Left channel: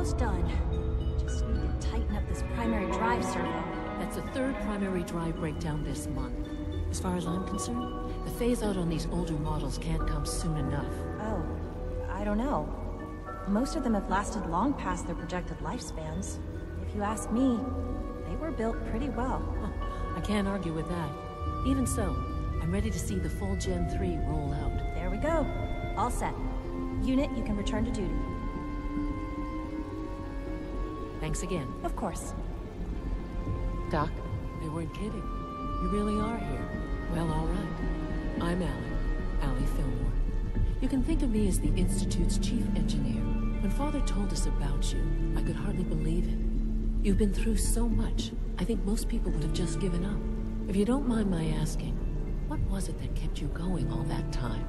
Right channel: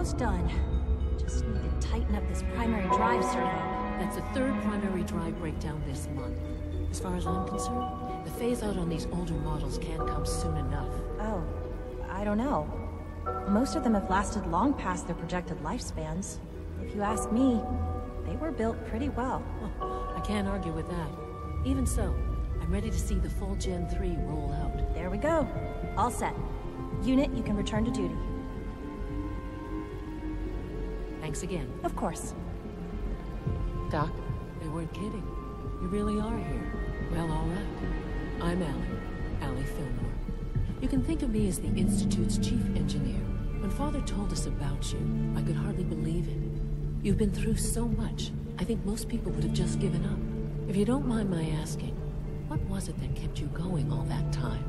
Almost done. Just need to tighten up this primary drive servo. That's the third primary drive breakdown this month. As far as I'm concerned, the phase-out on these older models can't come soon enough. Oh, I don't know. Most of them have lasted long past their projected lifespans. If you ask me, they were built pretty well. I can't argue with that. Even so, I'm ready to see the full Gen 3 roll out. There we go. All set. Unit, you can return to duty. Thanks again. Of course. Doc, they weren't kidding. You really are here. Well, all right. I'm Allie Fillmore. You can think of me as the Institute's chief engineer. When Father told us about you, I could hardly believe it. You've been through so much, I think most people would have just given up. If you don't mind my asking, what was it that kept you going all that time?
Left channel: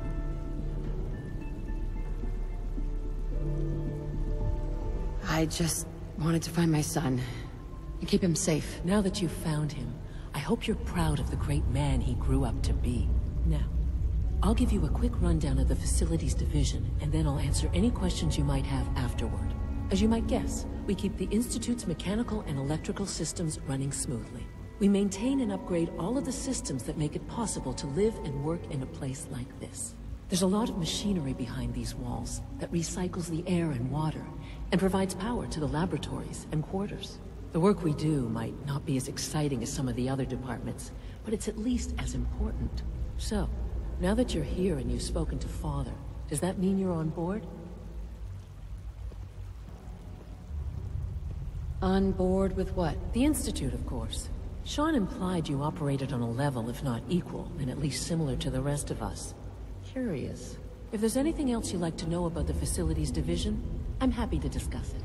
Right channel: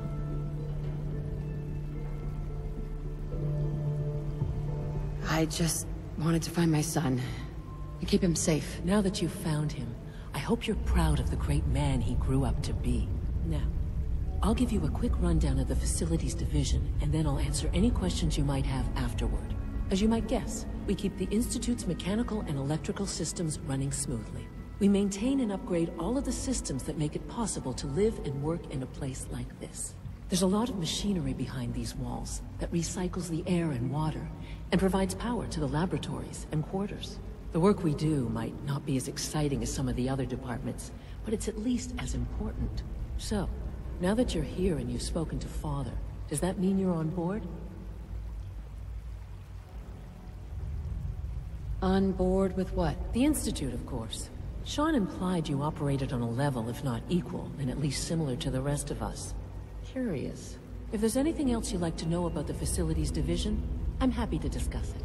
I just wanted to find my son and keep him safe. Now that you've found him, I hope you're proud of the great man he grew up to be. Now, I'll give you a quick rundown of the Facilities Division, and then I'll answer any questions you might have afterward. As you might guess, we keep the Institute's mechanical and electrical systems running smoothly. We maintain and upgrade all of the systems that make it possible to live and work in a place like this. There's a lot of machinery behind these walls that recycles the air and water, and provides power to the laboratories and quarters. The work we do might not be as exciting as some of the other departments, but it's at least as important. So, now that you're here and you've spoken to Father, does that mean you're on board? On board with what? The Institute, of course. Sean implied you operated on a level, if not equal, and at least similar to the rest of us. Curious. If there's anything else you'd like to know about the Facilities Division, I'm happy to discuss it.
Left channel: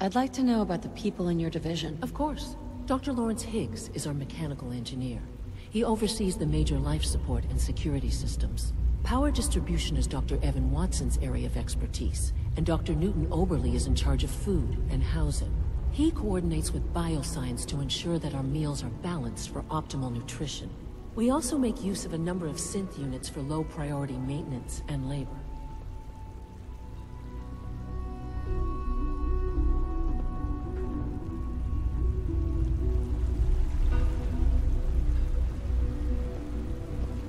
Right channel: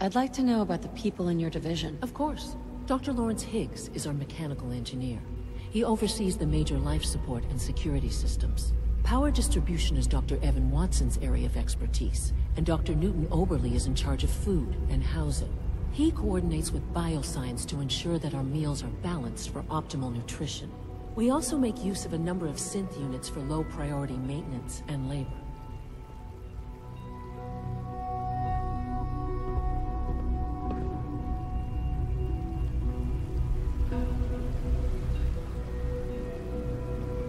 I'd like to know about the people in your division. Of course. Dr. Lawrence Higgs is our mechanical engineer. He oversees the major life support and security systems. Power distribution is Dr. Evan Watson's area of expertise, and Dr. Newton Oberly is in charge of food and housing. He coordinates with bioscience to ensure that our meals are balanced for optimal nutrition. We also make use of a number of synth units for low-priority maintenance and labor.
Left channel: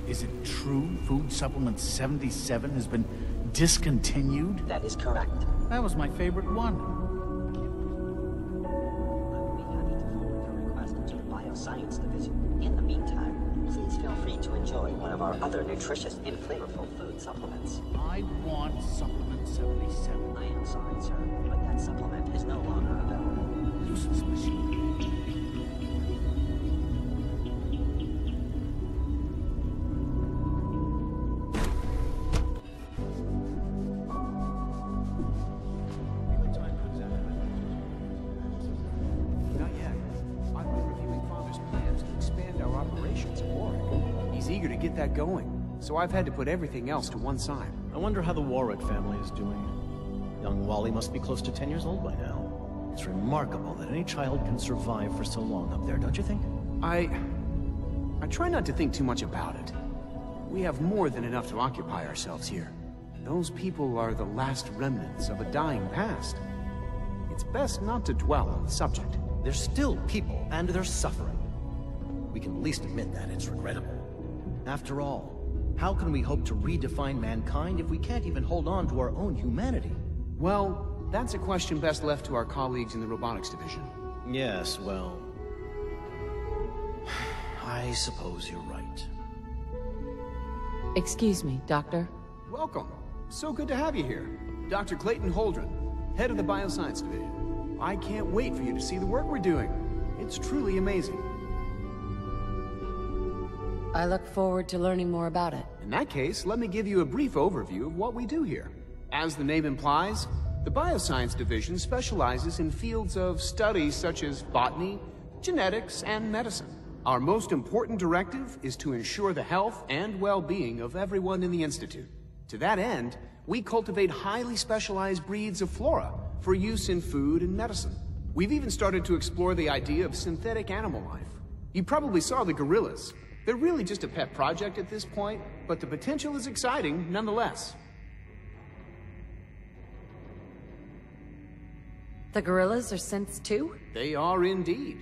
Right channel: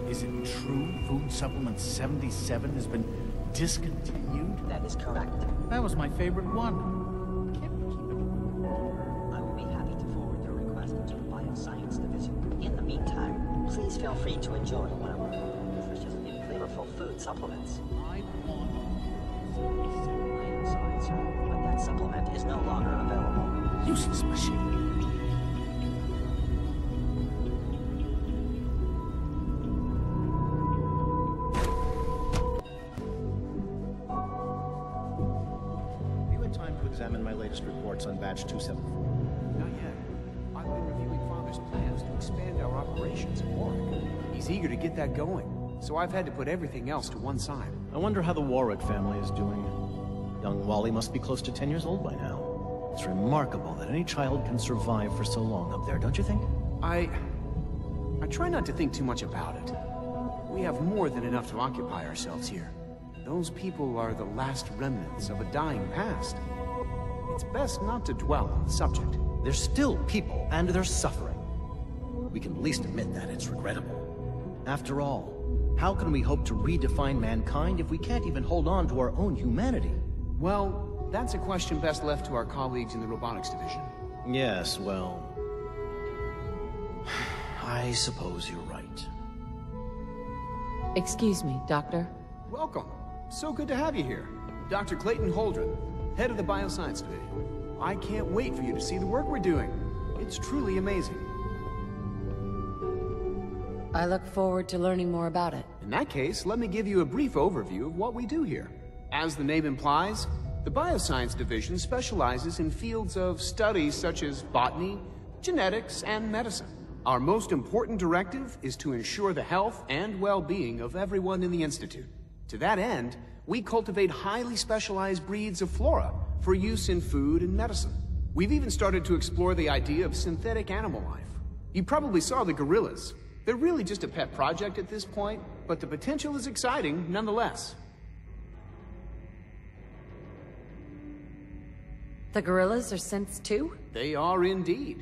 Is it true Food Supplement 77 has been discontinued? That is correct. That was my favorite one. I will be happy to forward your request to the Bioscience Division. In the meantime, please feel free to enjoy one of our other nutritious and flavorful food supplements. I want Supplement 77. I am sorry, sir, but that supplement is no longer available. Useless machine. Examine my latest reports on batch 274. Not yet. I've been reviewing Father's plans to expand our operations at Warwick. He's eager to get that going, so I've had to put everything else to one side. I wonder how the Warwick family is doing. Young Wally must be close to 10 years old by now. It's remarkable that any child can survive for so long up there, don't you think? I try not to think too much about it. We have more than enough to occupy ourselves here. Those people are the last remnants of a dying past. It's best not to dwell on the subject. They're still people, and they're suffering. We can at least admit that it's regrettable. After all, how can we hope to redefine mankind if we can't even hold on to our own humanity? Well, that's a question best left to our colleagues in the Robotics Division. Yes, well... I suppose you're right. Excuse me, Doctor. Welcome. So good to have you here. Dr. Clayton Holdren, head of the Bioscience Division. I can't wait for you to see the work we're doing. It's truly amazing. I look forward to learning more about it. In that case, let me give you a brief overview of what we do here. As the name implies, the Bioscience Division specializes in fields of studies such as botany, genetics, and medicine. Our most important directive is to ensure the health and well-being of everyone in the Institute. To that end, we cultivate highly specialized breeds of flora for use in food and medicine. We've even started to explore the idea of synthetic animal life. You probably saw the gorillas. They're really just a pet project at this point, but the potential is exciting nonetheless. The gorillas are synths too? They are indeed.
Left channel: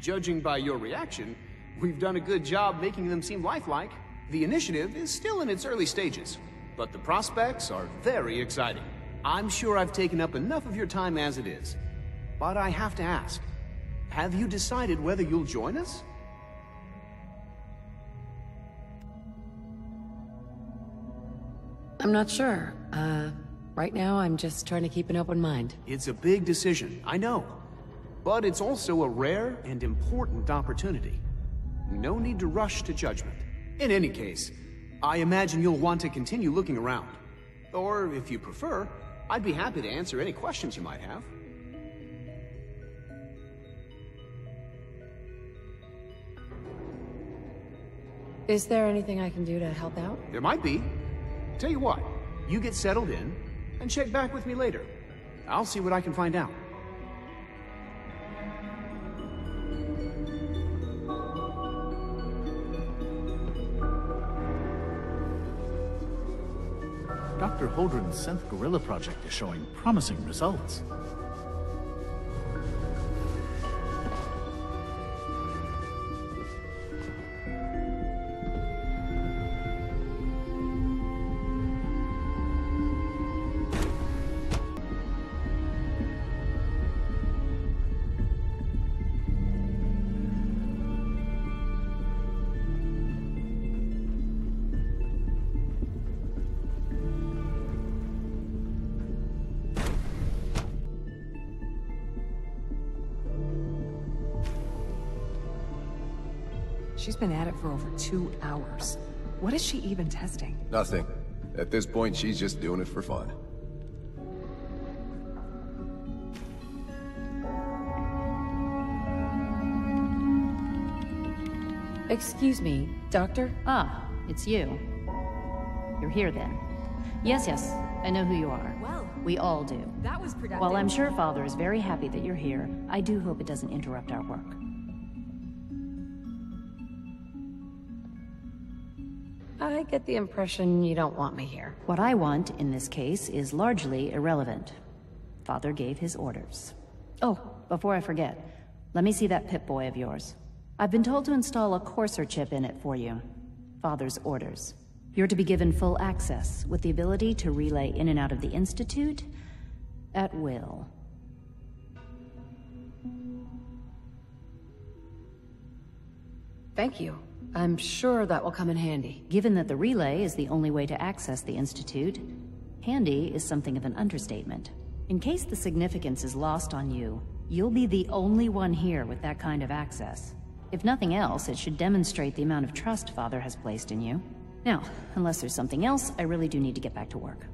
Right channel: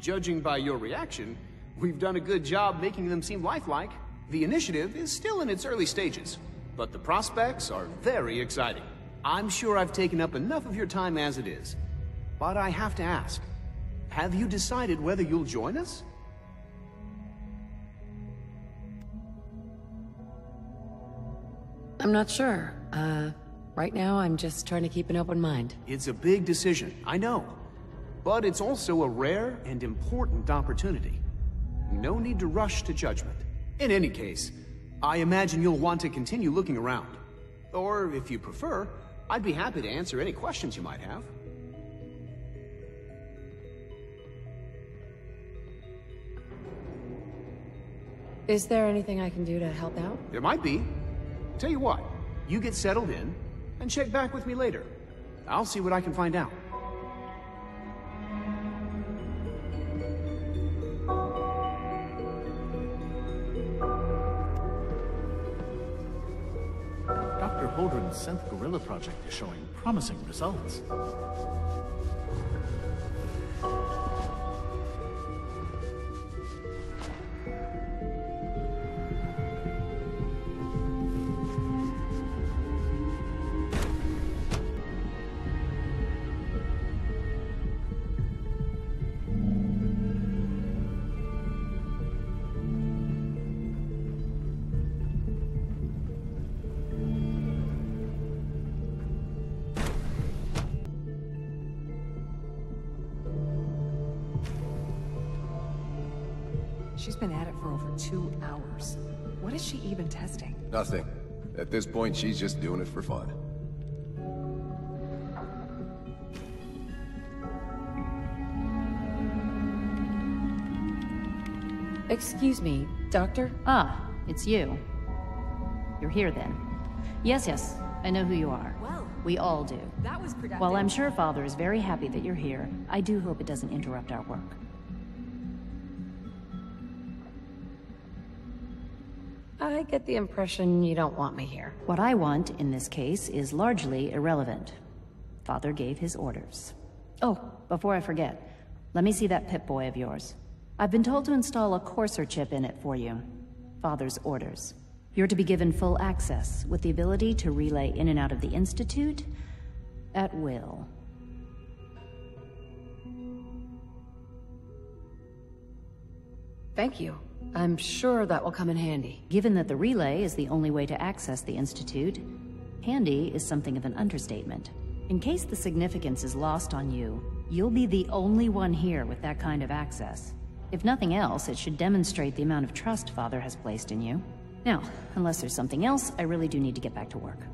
Judging by your reaction, we've done a good job making them seem lifelike. The initiative is still in its early stages, but the prospects are very exciting. I'm sure I've taken up enough of your time as it is. But I have to ask, have you decided whether you'll join us? I'm not sure. Right now I'm just trying to keep an open mind. It's a big decision, I know. But it's also a rare and important opportunity. No need to rush to judgment. In any case, I imagine you'll want to continue looking around. Or, if you prefer, I'd be happy to answer any questions you might have. Is there anything I can do to help out? There might be. Tell you what, you get settled in, and check back with me later. I'll see what I can find out. Dr. Holdren's synth gorilla project is showing promising results. She's been at it for over 2 hours. What is she even testing? Nothing. At this point, she's just doing it for fun. Excuse me, Doctor? Ah, it's you. You're here then. Yes, I know who you are. Well, we all do. that was productive. While I'm sure Father is very happy that you're here, I do hope it doesn't interrupt our work. I get the impression you don't want me here. What I want, in this case, is largely irrelevant. Father gave his orders. Oh, before I forget, let me see that Pip-Boy of yours. I've been told to install a courser chip in it for you. Father's orders. You're to be given full access, with the ability to relay in and out of the Institute at will. Thank you. I'm sure that will come in handy. Given that the relay is the only way to access the Institute, handy is something of an understatement. In case the significance is lost on you, you'll be the only one here with that kind of access. If nothing else, it should demonstrate the amount of trust Father has placed in you. Now, unless there's something else, I really do need to get back to work.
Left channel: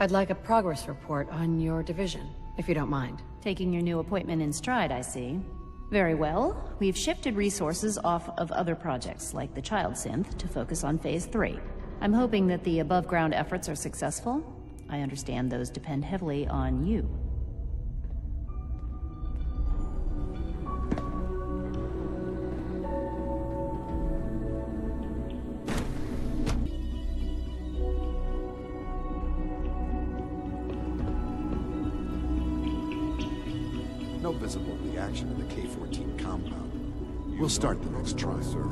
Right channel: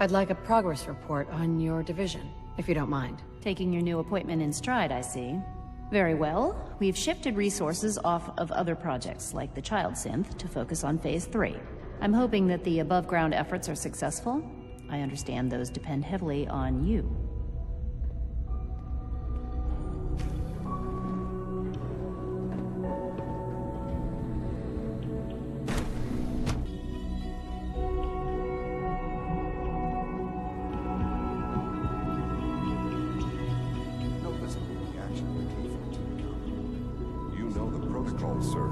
I'd like a progress report on your division, if you don't mind. Taking your new appointment in stride, I see. Very well. We've shifted resources off of other projects, like the Child Synth, to focus on Phase 3. I'm hoping that the above-ground efforts are successful. I understand those depend heavily on you. Visible reaction to the K-14 compound. We'll start the protocol, sir.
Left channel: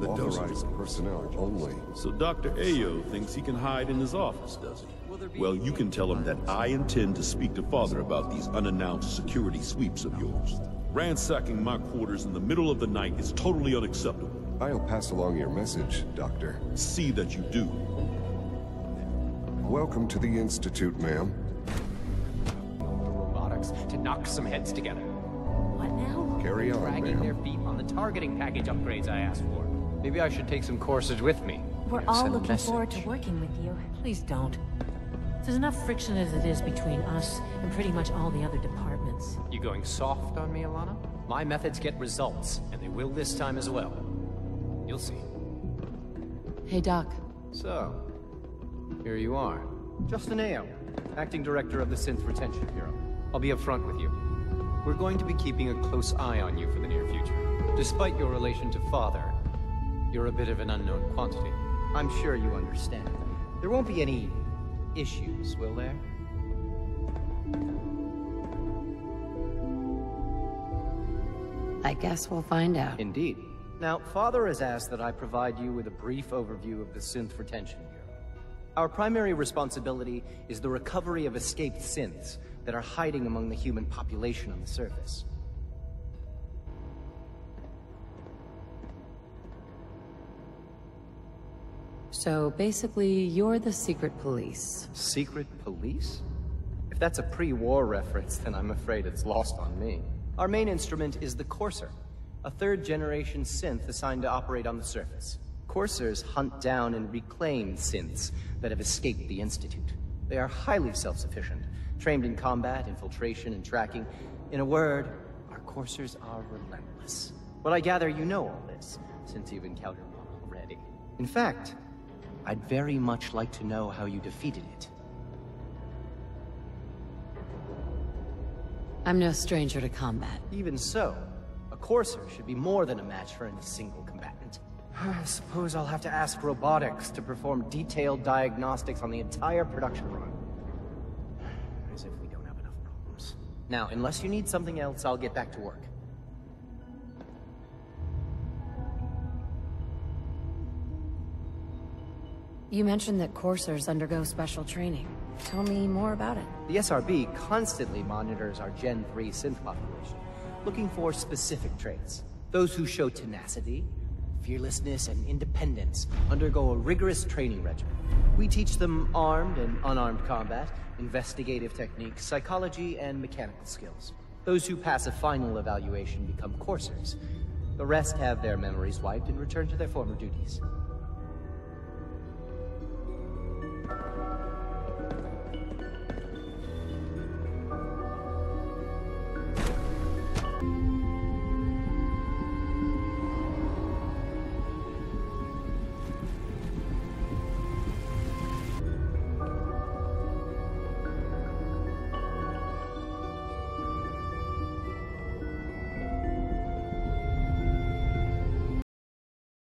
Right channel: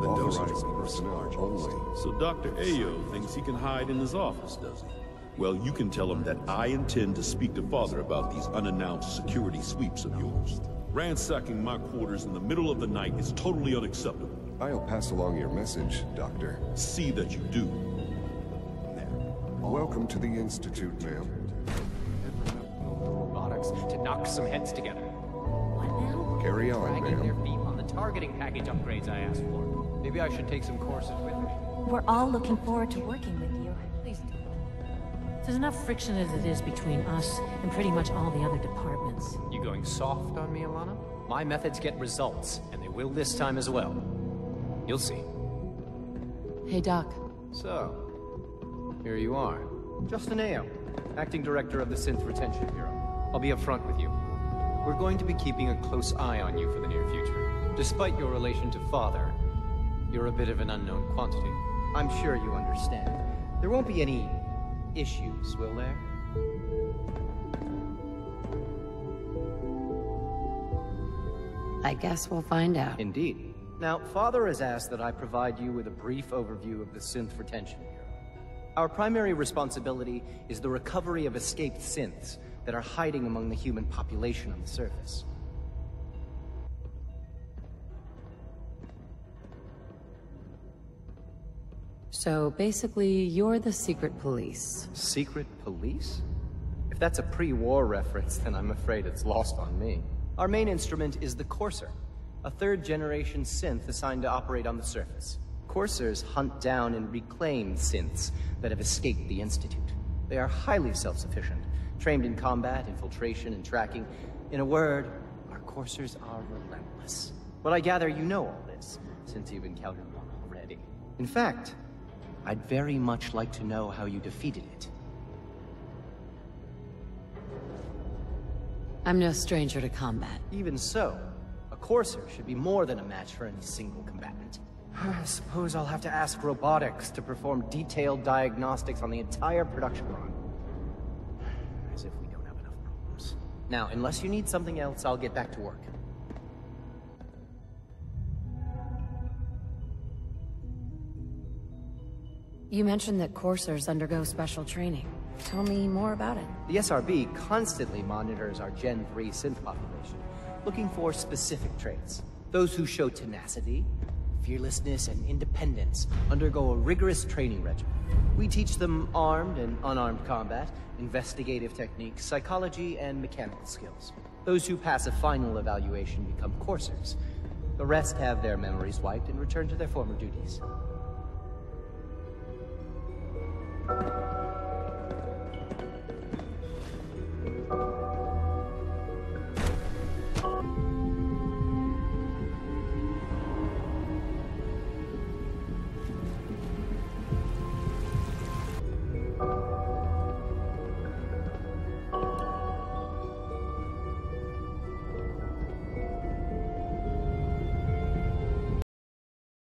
The Authorized personnel only. So Dr. Ayo thinks he can hide in his office, does he? Well, you can tell him that I intend to speak to Father about these unannounced security sweeps of yours. Ransacking my quarters in the middle of the night is totally unacceptable. I'll pass along your message, Doctor. See that you do. Welcome to the Institute, ma'am. The robotics to knock some heads together. What now? Carry on, Dragging their ma'am. feet on the targeting package upgrades I asked for. Maybe I should take some courses with me. We're all looking forward to working with you. Please don't. There's enough friction as it is between us and pretty much all the other departments. You going soft on me, Alana? My methods get results, and they will this time as well. You'll see. Hey, Doc. So, here you are. Justin Ayo, Acting Director of the Synth Retention Bureau. I'll be upfront with you. We're going to be keeping a close eye on you for the near future. Despite your relation to Father, you're a bit of an unknown quantity. I'm sure you understand. There won't be any issues, will there? I guess we'll find out. Indeed. Now, Father has asked that I provide you with a brief overview of the Synth Retention Bureau. Our primary responsibility is the recovery of escaped synths that are hiding among the human population on the surface. So basically, you're the secret police. Secret police? If that's a pre-war reference, then I'm afraid it's lost on me. Our main instrument is the Courser, a third-generation synth assigned to operate on the surface. Coursers hunt down and reclaim synths that have escaped the Institute. They are highly self-sufficient, trained in combat, infiltration, and tracking. In a word, our Coursers are relentless. Well, I gather you know all this, since you've encountered one already. In fact, I'd very much like to know how you defeated it. I'm no stranger to combat. Even so, a Courser should be more than a match for any single combatant. I suppose I'll have to ask robotics to perform detailed diagnostics on the entire production run. As if we don't have enough problems. Now, unless you need something else, I'll get back to work. You mentioned that coursers undergo special training. Tell me more about it. The SRB constantly monitors our Gen 3 synth population, looking for specific traits. Those who show tenacity, fearlessness, and independence undergo a rigorous training regimen. We teach them armed and unarmed combat, investigative techniques, psychology, and mechanical skills. Those who pass a final evaluation become coursers. The rest have their memories wiped and return to their former duties.